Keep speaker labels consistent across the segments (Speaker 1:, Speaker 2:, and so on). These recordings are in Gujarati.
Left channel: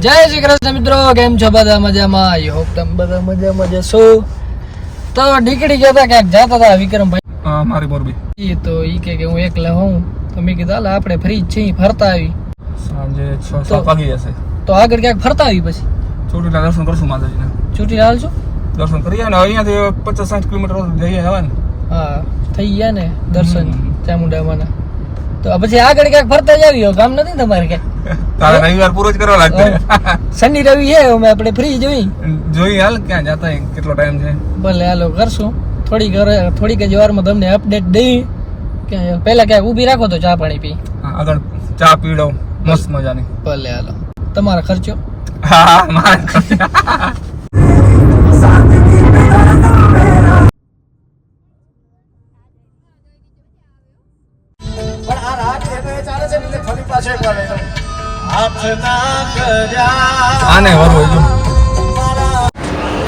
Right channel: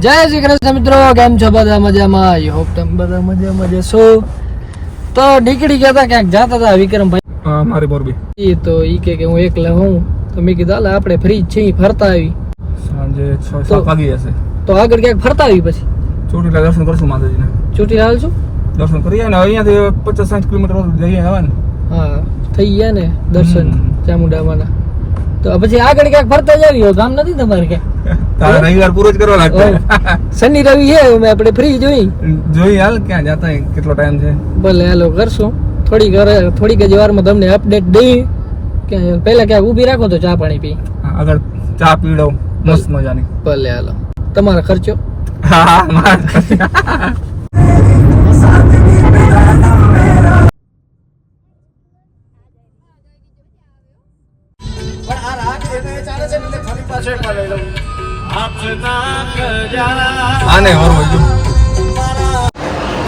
Speaker 1: જય શ્રી કૃષ્ણ મિત્રો કેમ છો બધા મજામાં? આઈ હોપ તમે બધા મજામાં જશો તો નીકળી ગયા હતા ક્યાંક જતા હતા વિક્રમભાઈ.
Speaker 2: મારે મોરબી.
Speaker 1: એ તો ઈ કે કે હું એકલા હોઉં. તો મેં કીધું હાલ આપણે ફ્રી છે ફરતા આવી.
Speaker 2: સાંજે છ
Speaker 1: તો-
Speaker 2: વાગી જશે
Speaker 1: તો આગળ ક્યાંક ફરતા આવી પછી?
Speaker 2: ચોટીલા દર્શન કરશું માતાજીના.
Speaker 1: છૂટી હાલ છું
Speaker 2: દર્શન કરીએ ને અહીંયાથી પચાસ સાઠ કિલોમીટર જઈએ આવે ને.
Speaker 1: હા થઈ ગયા ને દર્શન. ચામુંડામાના. તો પછી આગળ ક્યાંક ફરતા જ આવી ગામ નથી તમારે ક્યાંક?
Speaker 2: રવિવાર પૂરો જ કરવા
Speaker 1: શનિ રવિ છે અમે આપણે ફ્રી જોઈ
Speaker 2: જોઈ હાલ ક્યાં જતા કેટલો ટાઈમ છે.
Speaker 1: ભલે હાલો કરશું. થોડીક થોડીક જ વારમાં તમને અપડેટ દઈ. કે પહેલા ક્યાંક ઊભી રાખો તો ચા પાણી પી.
Speaker 2: આગળ ચા પીડો મસ્ત મજાની.
Speaker 1: ભલે હાલો. તમારો ખર્ચો?
Speaker 2: હા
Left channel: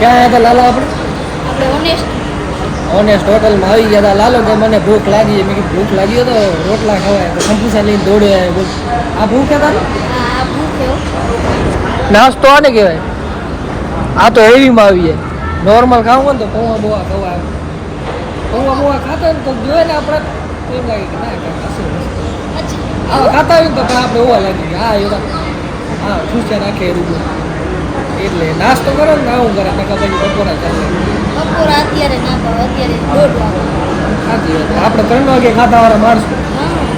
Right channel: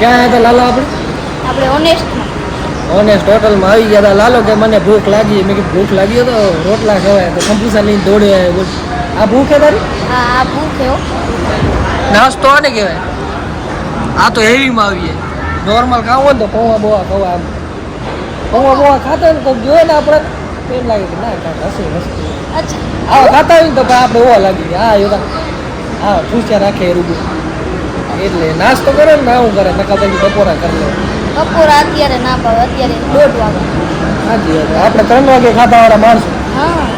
Speaker 1: ક્યાં હતા લાલા આપણે?
Speaker 3: આપણે ઓનેસ્ટ
Speaker 1: ઓનેસ્ટ હોટલમાં આવી ગયા હતા. લાલો કે મને ભૂખ લાગી. મેં કીધું ભૂખ લાગી હતો તો રોટલા ખવાય. તો ખંભુસા લઈને દોડે આવ્યો. બોલ આ ભૂખ છે તારી?
Speaker 3: આ ભૂખ
Speaker 1: નાસ્તો આને કહેવાય. આ તો હેવીમાં આવીએ નોર્મલ ખાવું હોય ને તો પૌવા બોવા ખવા આમ. પૌવા બોવા ખાતા હોય ને તો જોઈએ ને આપણે. તો એમ લાગે કે ના કાંઈક હશે હશે.
Speaker 3: અચ્છા.
Speaker 1: આ ખાતા હોય તો આપણે ઓવા લાગી ગયા. હા એ હા ખુશિયા રાખે એ રૂબી એટલે નાસ્તો કરે ને આવું કરે નકા પછી બપોરા કરી લે.
Speaker 3: બપોર અત્યારે ના ભાવે અત્યારે દોઢ વાગે.
Speaker 1: સાચી વાત આપણે ત્રણ વાગે ખાતા વાળા માણસ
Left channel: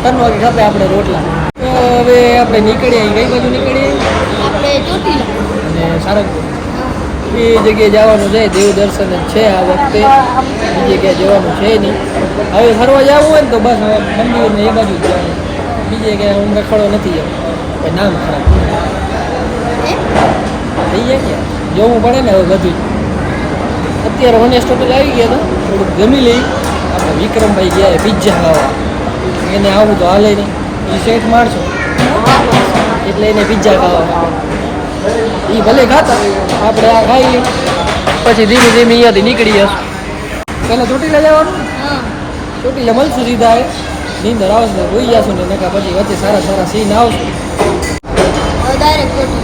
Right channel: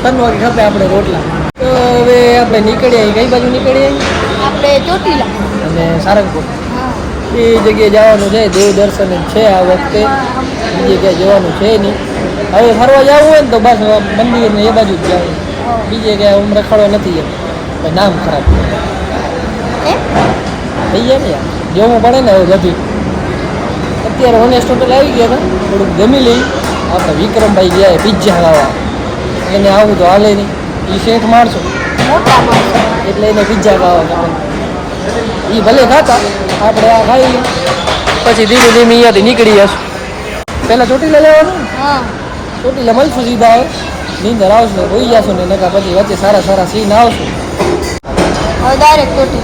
Speaker 1: ત્રણ વાગે ખાતે આપણે રોટલા. તો હવે આપણે નીકળીએ કઈ બાજુ નીકળી
Speaker 3: આપણે ચોટીલા.
Speaker 1: અને સારંગપુર. એ જગ્યાએ જવાનું છે દેવ દર્શન છે આ વખતે. બીજી ક્યાંય જવાનું છે નહીં. હવે ફરવા જવું હોય ને તો બસ મંદિર ને એ બાજુ જ જવાનું. બીજે ક્યાંય ઉમરે ખડો નથી જવું નામ ખરાબ? થઈ જાય ને જોવું પડે ને હવે બધું. અત્યારે ઓનેસ્ટ હોટેલ આવી ગયા હતા થોડુંક જમી લઈ આપણે વિક્રમભાઈ ગયા પિઝા ખાવા. એને આવું તો હાલે નહીં. એ શેઠ માણસો. એટલે એને પિઝા ખાવા ગમે એ ભલે ખાતા આપણે આ ખાઈ લઈ પછી ધીમે ધીમે અહીંયાથી નીકળી જશું. પહેલાં ચોટીલા લેવાનું? ચોટીલા મળશું સીધા હવે. નીંદર આવશે હોઈ જશું ને નકા પછી વચ્ચે સારા સારા સીન આવશે.
Speaker 3: ડાયરેક્ટ ચોટીલા.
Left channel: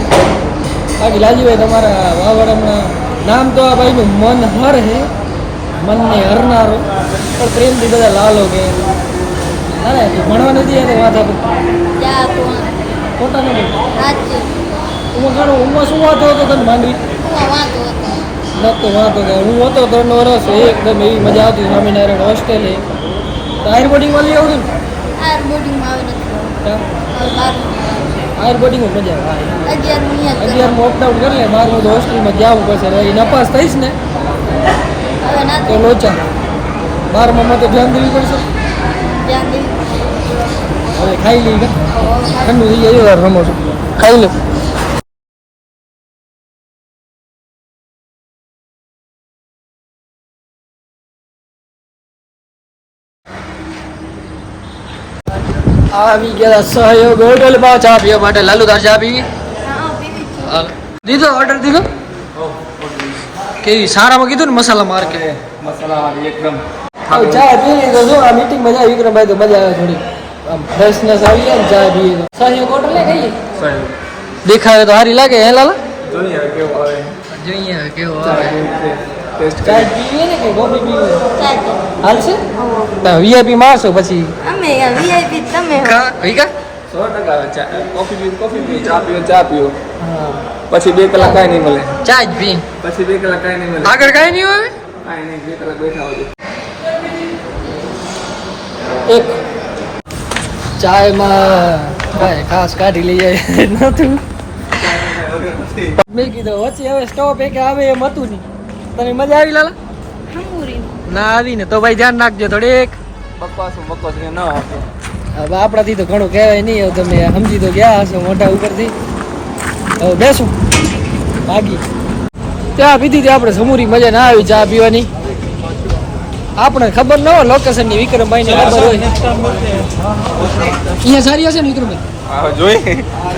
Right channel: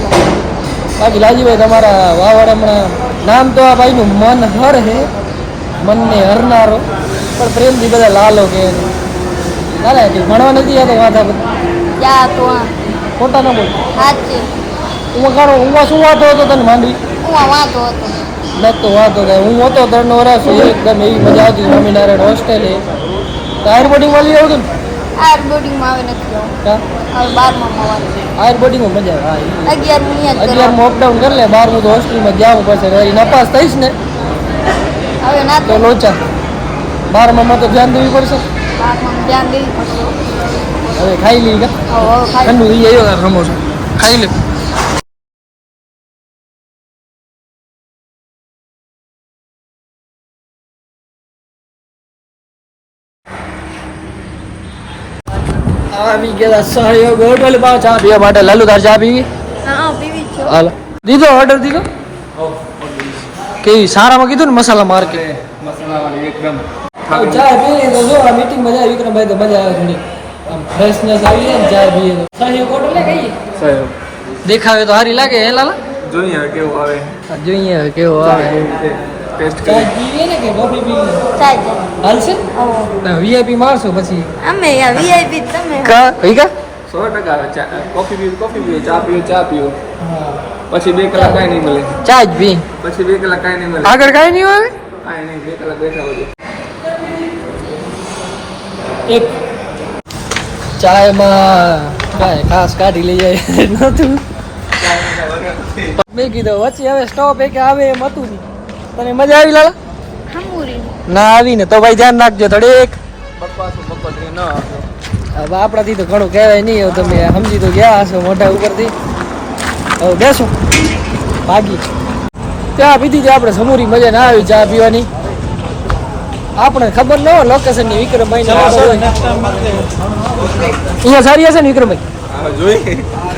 Speaker 1: બાકી લાલજીભાઈ તમારા વાવડ હમણાં નામ તો આ ભાઈનું મન હર હે મનને હરનારો. પણ પ્રેમથી બધા લાલો કે લાલા ભણવા નથી યાર વાતા
Speaker 3: બધા
Speaker 1: ખોટા ના બોલ. હું કાણો હું શું વાતો હતો તને માંડી? નતો વાંધો કે હું હતો ત્રણ વર્ષ એકદમ એવી મજા આવતી. સ્વામિનારાયણ હોસ્ટેલે તો આયર બોર્ડિંગમાં લઈ આવતું ને.
Speaker 3: આ બોર્ડિંગમાં આવે નથી બારમાં
Speaker 1: આયર બોર્ડિંગમાં મજા આવે અગિયારમાં અપડાઉન કરી લે બારમું તો હોસ્ટેલમાં જવું પડશે વળી નપાસ થઈશ ને તો લોચા. બારમામાં તો ધ્યાન દેવી પડશે. હવે ખાઈ લઈ ઠંડુ થઈ જાય રમો છો. ખાઈ લે. આવી ગયા સહયોગ હોટલમાં ચા પીવા માટે લાલુ તાર ચા પીવી હાલો. દીધો ઓર્ડર દીધો? કેવી? સારામાં કીધું ને મસાલા માર કે
Speaker 2: એકદમ.
Speaker 1: ચા પી લીધો. જો આ મીટિંગ મજા આવી વિક્રમભાઈ તો મજા આવે થોડી. આમ ફ્રેશનેસ આવી જાય ને ચા પીએ સહયોગ હોટલ ને કઈ?
Speaker 2: સહયોગ.
Speaker 1: દેખાવે તો સારી લાગે હે લાલા?
Speaker 2: જોઈએ કેવું આવે.
Speaker 1: જોઈએ કેવો આવે.
Speaker 2: ટેસ્ટ
Speaker 1: ચા પીવીએ ને કે કોફી પીવીએ હાલશે? વીઆઈપી મારશો પછી.
Speaker 3: અમે વીઆઈપી તમે.
Speaker 1: કા? ભાઈ કા?
Speaker 2: સો ટકા ચા. કોફી પીવી કોફી પીવી ચા પીવો ચા પીવો
Speaker 1: હા.
Speaker 2: પછી બે કલાક કાંઈ નહીં મળે.
Speaker 1: ચા જ પી.
Speaker 2: પછી બે કલાક કાંઈ નહીં મળે.
Speaker 1: આગળ કાંઈ નહીં આવે
Speaker 2: કાંઈ નહીં બે કલાક બેઠા હોય
Speaker 1: એક. ચાયમાં કાંઈ ખાસ કાઢી લઈ જાય નતું મેં કીધું વચ્ચે હવે સ્ટોપ એક આવે એમ હતું નહીં. તને મજા આવી લાલા? ના આવી ને તો ભાઈ ધ્યાન રાખજો થોડીક હવે આપણાથી તો ઘણું કહેવાય નહીં હવે તમે સમજી તો ગયા હશો મોઢા ઉપરથી. હવે બેસું. ભાગી. ચા પીધી હતી આપણે સમૂરી મજા ના આવી ચા પીવાની. આપણે ખબર ન હોય લોકેશનની વિક્રમભાઈ ને ખબર હોય. અહીંયા સારી હશે ને વિક્રમભાઈ?
Speaker 2: જોઈ.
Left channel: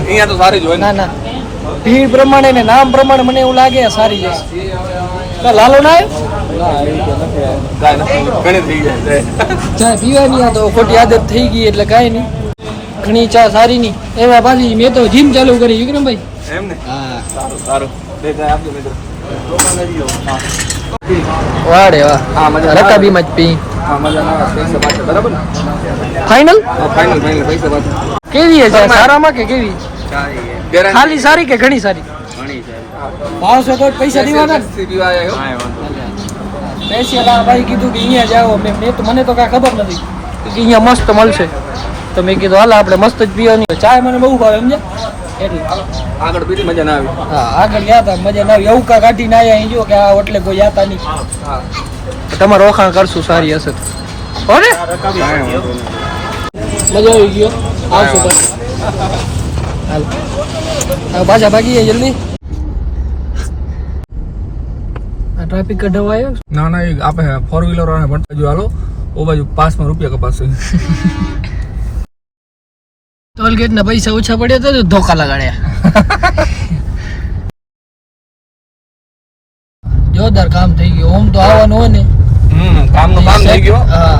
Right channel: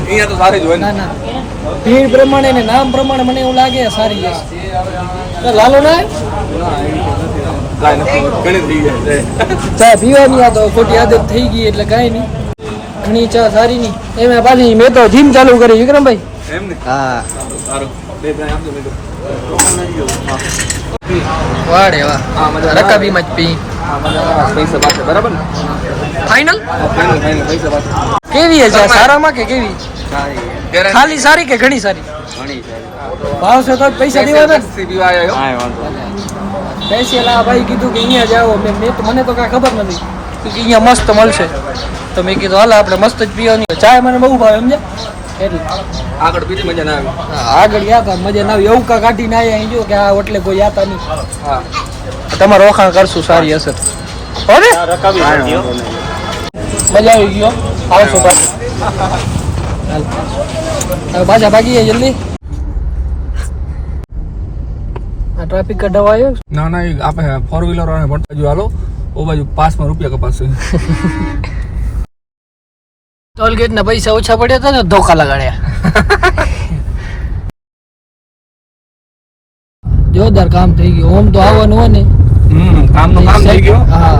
Speaker 2: અહીંયા તો સારી જોઈ ના.
Speaker 1: ના ભીડ પ્રમાણે ને નામ પ્રમાણે મને એવું લાગે સારી જશે તો લાલો ચા પીવાની ખોટી આદત થઈ ગઈ એટલે કાંઈ નહીં. ઘણી ચા સારી નહીં. એમાં પાછી મેં તો જીમ ચાલુ કરી, વિક્રમભાઈ. વાડે, વાહ. રકાબીમાં જ પી. ફાઇનલ કેવી છે? સારામાં કે કેવી? ખાલી સારી કે ઘણી સારી
Speaker 2: ઘણી સારી?
Speaker 1: ભાવશે તો પૈસા દેવાના ને.
Speaker 2: આવ્યો.
Speaker 1: સ્પેશિયલ આ ભાઈ કીધું કે અહીંયા જાઓ મેં મેં તો મને તો કાંઈ ખબર નથી. કે અહીંયા મસ્ત મળશે. તો મેં કીધું હાલ આપણે મસ્ત જ પીવાની. ચાય મને બહુ ભાવે સમજ્યા? એટલે.
Speaker 2: આગળ પીધી મજા ના આવી.
Speaker 1: હા આગળ ગયા હતા મજા ના આવી. એવું કા કાઢીને આવ્યા અહીં જો કે આ એટલે કોઈ જાતા નહીં.
Speaker 2: તમારો
Speaker 1: તમારે વખાણ કરશું સારી હશે તો. હો ને?
Speaker 2: કાંઈ વાંધો નહીં.
Speaker 1: મજા આવી ગયો. આવશું પાછા ભાગીએ જલ્દી આ ટ્રાફિક કઢાવા
Speaker 2: ના ના આપણે ફોર વ્હીલર વાળા ભણતા બાજુ હાલો ઓ બાજુ પાંચમાં રૂપિયા કપાશે
Speaker 1: ટોલ ગેટ ના પૈસા ઓછા પડ્યા હતા ને ધોકા લગાડ્યા. જોરદાર કામ થઈ ગયું. ઓમ તો આવવાનું હોય ને.
Speaker 2: હમ કામનું કામ થઈ ગયું.
Speaker 1: હા.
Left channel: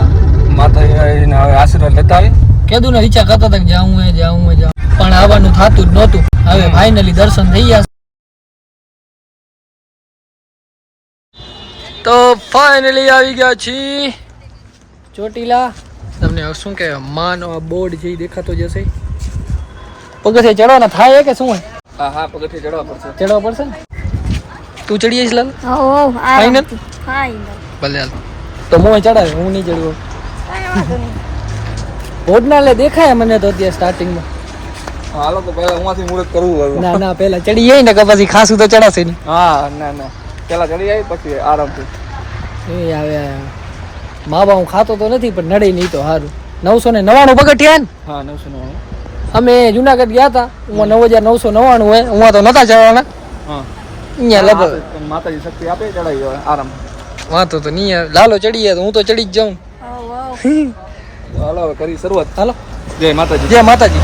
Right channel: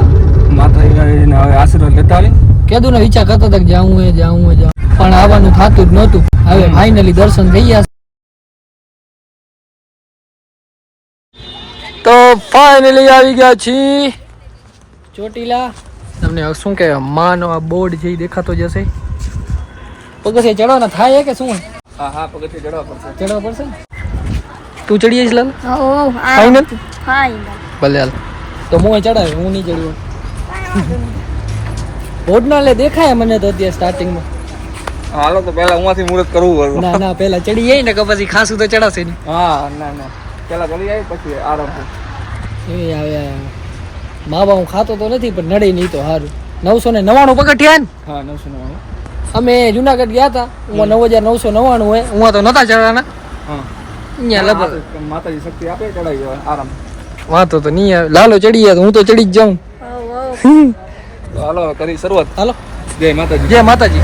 Speaker 2: માતાજીને હવે આશીર્વાદ લેતા આવી.
Speaker 1: કીધું ને વિચાર કરતા હતા કે જાવું હે જાવું હે જાવું પણ આવવાનું થતું જ નહોતું. હવે ફાઇનલી દર્શન થઈ ગયા ફાઇનલી આવી ગયા છીએ ચોટીલા. તમને શું કે માનો આ બોર્ડ જે દેખાતો જશે પગથિયે ચડવાના થાય કે શું?
Speaker 2: હા હા પગથિયે ચડવા પડશે.
Speaker 1: ચડવા પડશે ને? તું ચડી જઈશ લાલ?
Speaker 3: ઓ
Speaker 1: Final?
Speaker 3: ફાઇનલ
Speaker 1: ભલે હાલ. તો મોય ચડાવે હું નહીં ચડ્યો. બોર્ડ ના લે દેખાય મને તો અત્યારે સ્ટાર્ટિંગમાં
Speaker 2: હાલો તો પહેલા ઉમાંથી મુહૂર્ત કરવું
Speaker 1: ના ના પેલા ચડી જાય ને કે પછી ખાસું તો ચડાશે ને.
Speaker 2: હા ના ના. પહેલા ચડી જાય પછી આરામ
Speaker 1: એ આવે આવે. મા બા હું ખાતો તો નથી પણ નડે નહીં તો સારું નવસો ને નવાણું પગથિયા ને?
Speaker 2: હા નવસો નવ્વાણું
Speaker 1: અમે જુનાગઢ ગયા હતા હું નવ હજાર નવસો નવ્વાણું હે. હું તો નતા ચડવાના
Speaker 2: હા.
Speaker 1: અહીંયા લગભગ.
Speaker 2: માતાજી શક્તિ આપે ચડાવી આરામ.
Speaker 1: વાંધો તો નહીં આવે લાલો ચડી ગયા તો હું તો ચડી જ જાઉં.
Speaker 2: હાલો કરી શરૂઆત.
Speaker 1: હાલો.
Speaker 2: જય માતાજી.
Speaker 1: જય માતાજી.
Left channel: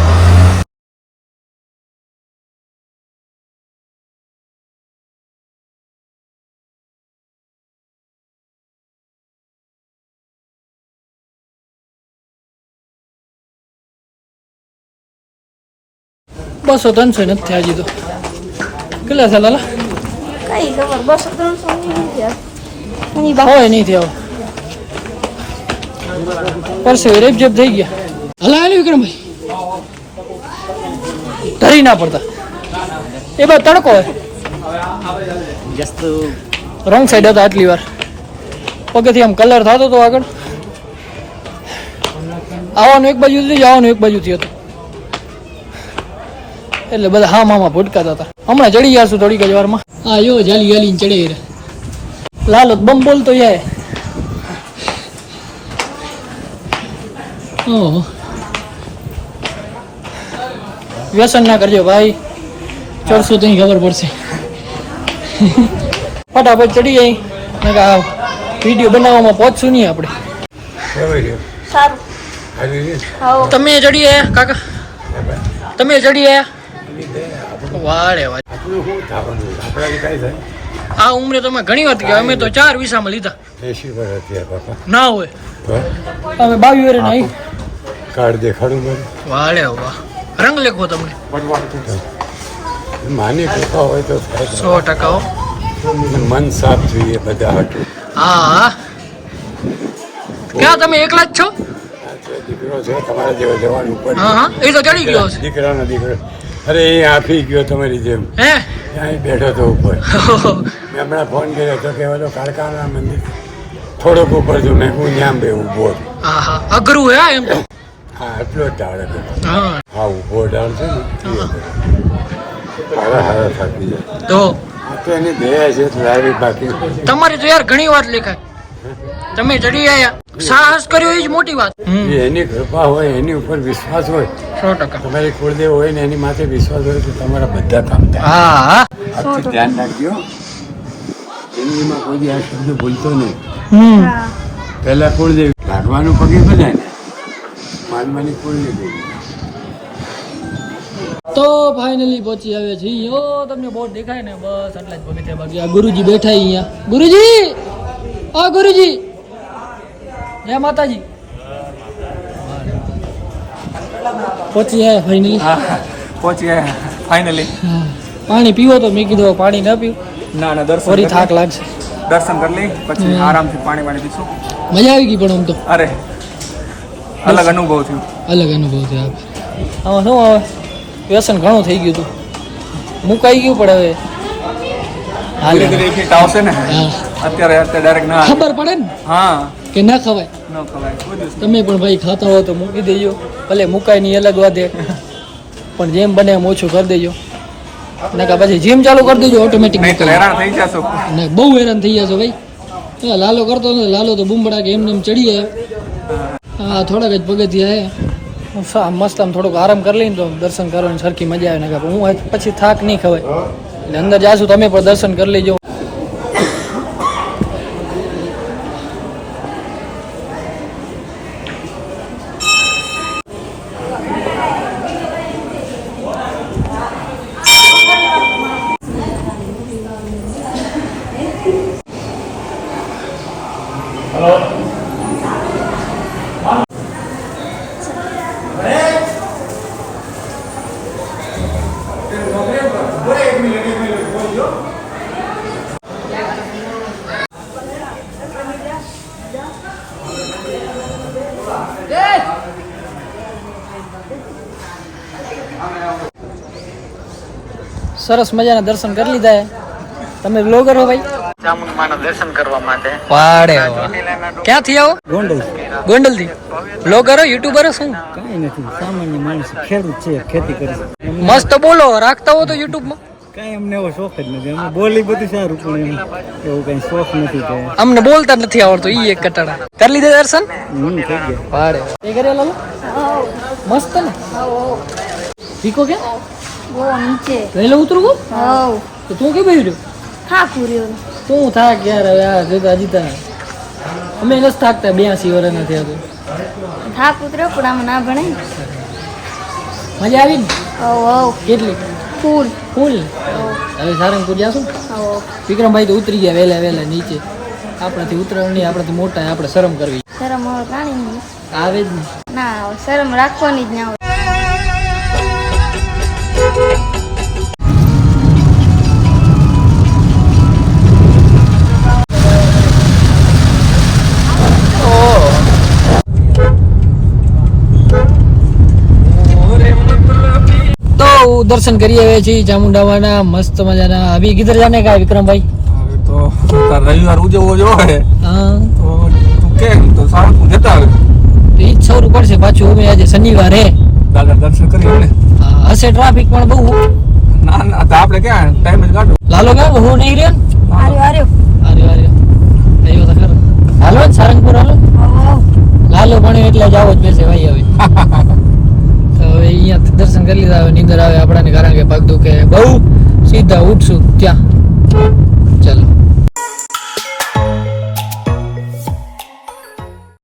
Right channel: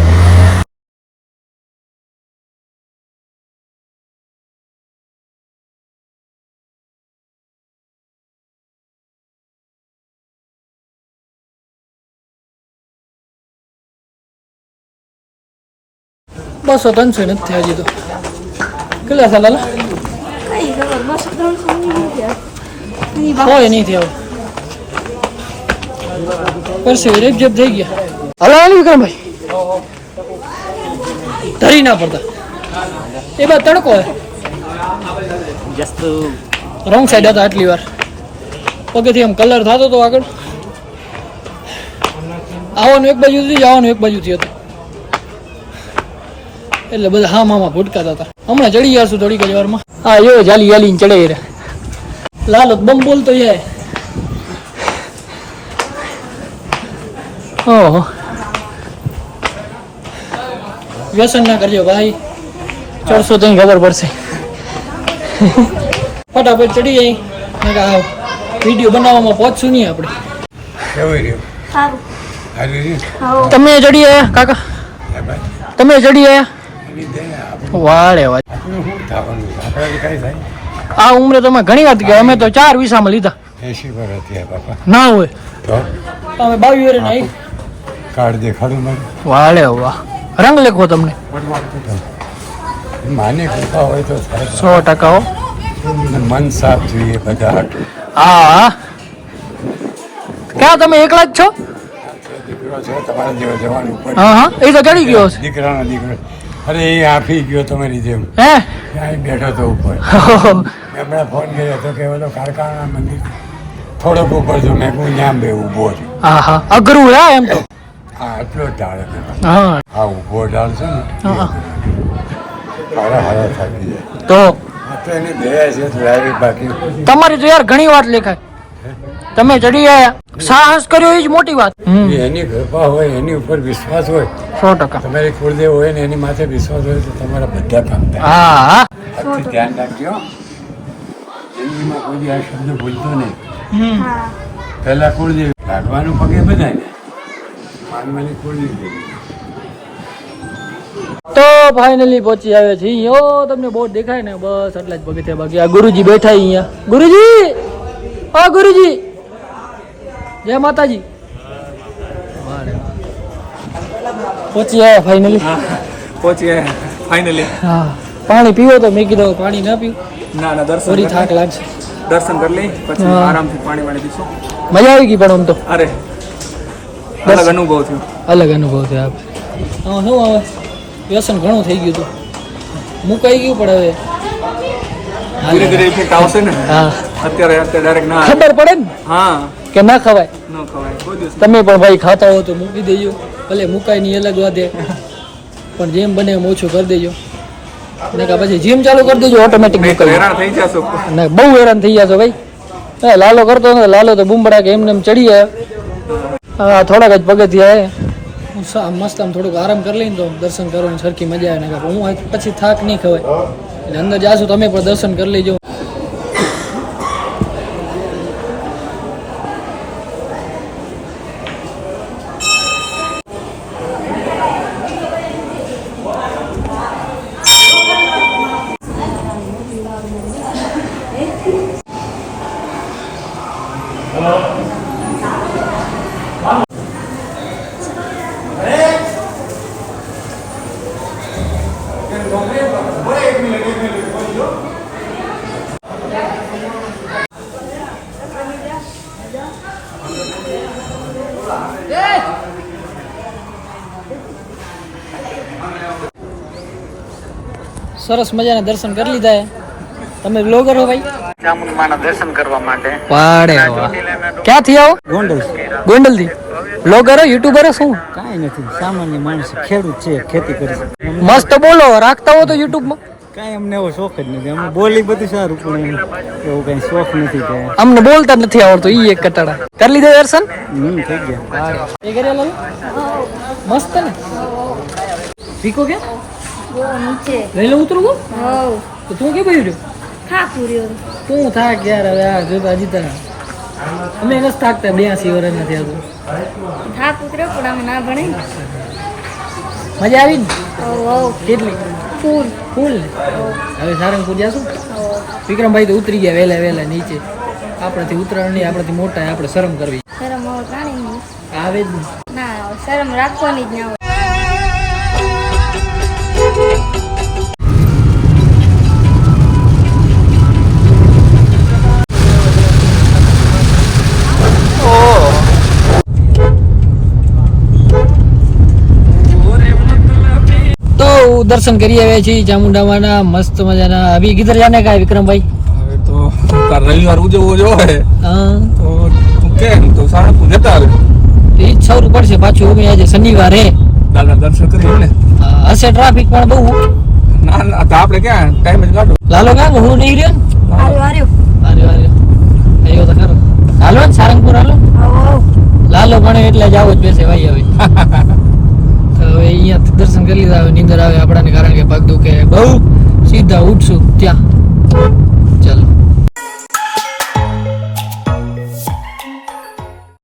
Speaker 1: બસો ત્રણસો નથી થયા હજી તો. કેટલા સાલ હાલા
Speaker 3: કઈ ખબર બસ ત્રણસો
Speaker 1: હોય નહીં થયા પરસે રેપ જેપ થઈ ગયા. હલા હાલ વિક્રમભાઈ. ધરી ના પડતા. એ બાદ તડકો હોય. રોંગ સાઈડ હતા આટલી વાર. પગેથી આમ કલર થતો હતો આગળ. આવવાનું એક બાજુથી જવાનું એક બાજુથી હતું. એટલે બધા હા મામા ભૂટકાતા હતા. હમણાં ચડી જશું થોડીક જ વારમાં. હા યો જાલી જાલી ચડે રે લાલો બમ બોલતો જાય ઓહો. વ્યસન ના કરજો ભાઈ. ચડશો તને ખબર પડશે. ફટાફટ ચડી જાય. મેં કે આવ વીડિયો બનાવવામાં પહોંચશું નહીં આપણે.
Speaker 3: સારું.
Speaker 1: તમે ચડી આયા કાકા? તમે ચડી આયા વાળે આ ઉંમરે તમે ઘણી વાત કે અમે તો ચાર વિસામાં લીધા.
Speaker 4: એસી પર હતી બાપા.
Speaker 1: ના હોય.
Speaker 4: તો?
Speaker 1: અમે બાવી વેરે નહીં
Speaker 4: કાર્ડ દેખાડું મને
Speaker 1: વાળે વાહ રંગ લેખો તમને.
Speaker 4: માની કૃપા હોય તો
Speaker 1: સો ટકા
Speaker 4: મન સાફ જોઈએ બધા હાટું.
Speaker 1: હા. ક્યાં તમે એકલા જ છો?
Speaker 4: દીકરો છે તમારા જેવો જવાનું
Speaker 1: હા હા. એ તો ચડી ગયો છે
Speaker 4: દીકરાનો દીકરો. અરે એ આપી ગયો તમારી જેમ.
Speaker 1: હે?
Speaker 4: બેઠો તો ઉપર. હમણાં ફોન કર્યો તો કે ઓલો કારખાના મંદિર થોડોક ઉપર જો મેં હું ત્યાં બે ઊભો છું.
Speaker 1: હા હા અઘરું હે એમ તો?
Speaker 4: હા એટલો જ ઢાળ હતો.
Speaker 1: હા.
Speaker 4: હા ઊભો ઢાળ છે ને
Speaker 1: હા.
Speaker 4: હારા હારા થાકી જાય
Speaker 1: તો?
Speaker 4: આ તો એની દયા છે ડ્રાઈવિંગ બાકી.
Speaker 1: તમારી તો યાર ઘણી વાત લેખાય. તમે ચડી આયા. સાહસ કર્યો એ જ મોટી વાત.
Speaker 4: એની કૃપા હોય એની ઉપર વિશ્વાસ હોય
Speaker 1: સો ટકા.
Speaker 4: તમારી કુળદેવ હોય ને એની માથે વિશ્વાસ હોય તો તમારા બધા કામ
Speaker 1: હા હા.
Speaker 4: ધ્યાન રાખજો. જિંદગીમાં કોઈ દી આ શબ્દ બોલતો નહીં. પહેલા કુળદેવ લાગવાનું પગે બધાય ને. માનવાની દેવી
Speaker 1: તો ફાઇનલી પહોંચી આવે છે ઓ તમને બોર્ડ દેખાય ને. બસ એટલે જ પગથિયા બાકી. આ ગુરુજી બેઠા અહીંયા. ગુરુજી! આ ગુરુજી! જય માતાજી. પહોંચી આયા ફાઇનલી
Speaker 2: પહોંચી ગયા ફાઇનલી
Speaker 1: હા. પાણી પીવો તો મેં કીધું પાણી ના પીવું.
Speaker 2: ના ના દર્શન
Speaker 1: ફરી થાક લાગશે.
Speaker 2: દર્શન કરી લઈ પછી. આરામથી પાણી પાણી પીશું.
Speaker 1: મજા આવી ગઈ પણ આમ તો.
Speaker 2: અરે અલગ અનુભવ થયો.
Speaker 1: અલગ અનુભવ થયો આપ આમાં શું હવે વ્યસન ઘણું થઈ ગયું હતું. મુકાઈ ગયું પણ હવે. હાલે.
Speaker 2: ધીરે ધીરે ઇફેક્ટ આવશે ને?
Speaker 1: હા.
Speaker 2: અત્યારે અત્યારે ડાયરેક્ટ ના
Speaker 1: ખબર પડે ને?
Speaker 2: હા.
Speaker 1: કે ના ખવાય?
Speaker 2: ન ખવાય કોઈ દિવસ
Speaker 1: તમે પણ ભાઈ ખાતા હો તો મૂકી દેજો. ભલે મુકાય નહીં અલગ વાદે પણ જેમ બને એમ ઓછું કરી દેજો. ને કે પછી જીમ ચાલુ કરી દેજો ઓટોમેટિક મુકાઈ
Speaker 2: હેરાન થઈ જશો.
Speaker 1: ને બહુ હેરાન થઈ જશો ભાઈ. એ લાલો કરતો ને લાલો તો બૂમબડા કે એમને એમ ચડી જાય હા થોડાક જ પગથિયા મસ્ત આમ થોડુંક આરામ કરી લઈને તો દર્શન કરવાની સરખી મજા આવે. ને કે હું પછી થાક નહીં ખવાય. એટલે અંદર જાશું તમે પણ દર્શન કરી લેજો. સરસ મજાના દર્શન કરી લીધા તમે બ્લોગર હો ભાઈ. પાડે ક્યાંથી આવો?
Speaker 5: ગોંડલ.
Speaker 1: ગોંડલથી બ્લોગર હો યુટ્યુબર હો શું?
Speaker 5: કાંઈ નથી. સામાન્ય માણસ ખેડૂત છે ખેતી કરે છે.
Speaker 1: મસ્ત બોલો રાખતા હો તો યુટ્યુબમાં.
Speaker 5: કાંઈ અમને એવો શોખ જ નથી. અમે બોલી બધું સારું પણ એવું કઈ શોખ નથી કે
Speaker 1: અમને બોલતા નથી આવડતું ઈ એક કટાડા. કરી લીધા દર્શન?
Speaker 5: હમ થઈ ગયા.
Speaker 1: એ મસ્ત ને. શીખો કે?
Speaker 3: જો નીચે.
Speaker 1: લઈ લો ઉતરું તો તું કે
Speaker 3: બેહી રહ્યો.
Speaker 1: તું થાક યાર હવે આ જો અજીતા અમે નથી થાકતા બ્યાસી વર્ષ નથી આવતું
Speaker 3: થાક ઉતર્યો પણ આમાં ના ભણે
Speaker 1: મજા આવી ને? કેટલી?
Speaker 3: ફૂલ.
Speaker 1: ફૂલ હવે. સારંગપુર જાશું વિક્રમભાઈ તો ઉતરી ગયા વહેલા વહેલા નીચે. આપણાથી ઉતરણ નહીં આપણાથી મોટા આપણે શરમ કરવી.
Speaker 3: શરમ
Speaker 1: આવે જ નહીં.
Speaker 3: ના શરમ રાખવાની જ ના
Speaker 1: દર્શન કરી આવ્યા છીએ ચામુંડામાના મસ્ત મજાના. અભી કિધર જાને કા વિક્રમભાઈ?
Speaker 2: તો રવિવાર ઉજવવો જો હા. તો કેમ? તો સારું જતા આવે
Speaker 1: તો જ સૌરું પડશે પાછું. અમે આજે શનિવાર.
Speaker 2: દર્શન કરીએ ને?
Speaker 1: હશે ટ્રાફિક પણ બહુ.
Speaker 2: ના ના તો આપણે ક્યાં? ટાઈમ જ કાઢો.
Speaker 1: લાલો હું નહીં રહ્યો
Speaker 3: આર્યો આર્યો
Speaker 1: આવ્યો તો ખરો. હાલો ને સારંગપુર હાલો. લાલો પણ એટલે જ આવો જ બેસે ભાઈ હવે. હવે અહીંયા દર્શન કરી લીધા. હવે નીંદર આવે આપણાને, કારણ કે પગ દુખે. બહુ સીધા ઉઠશું. ત્યાં.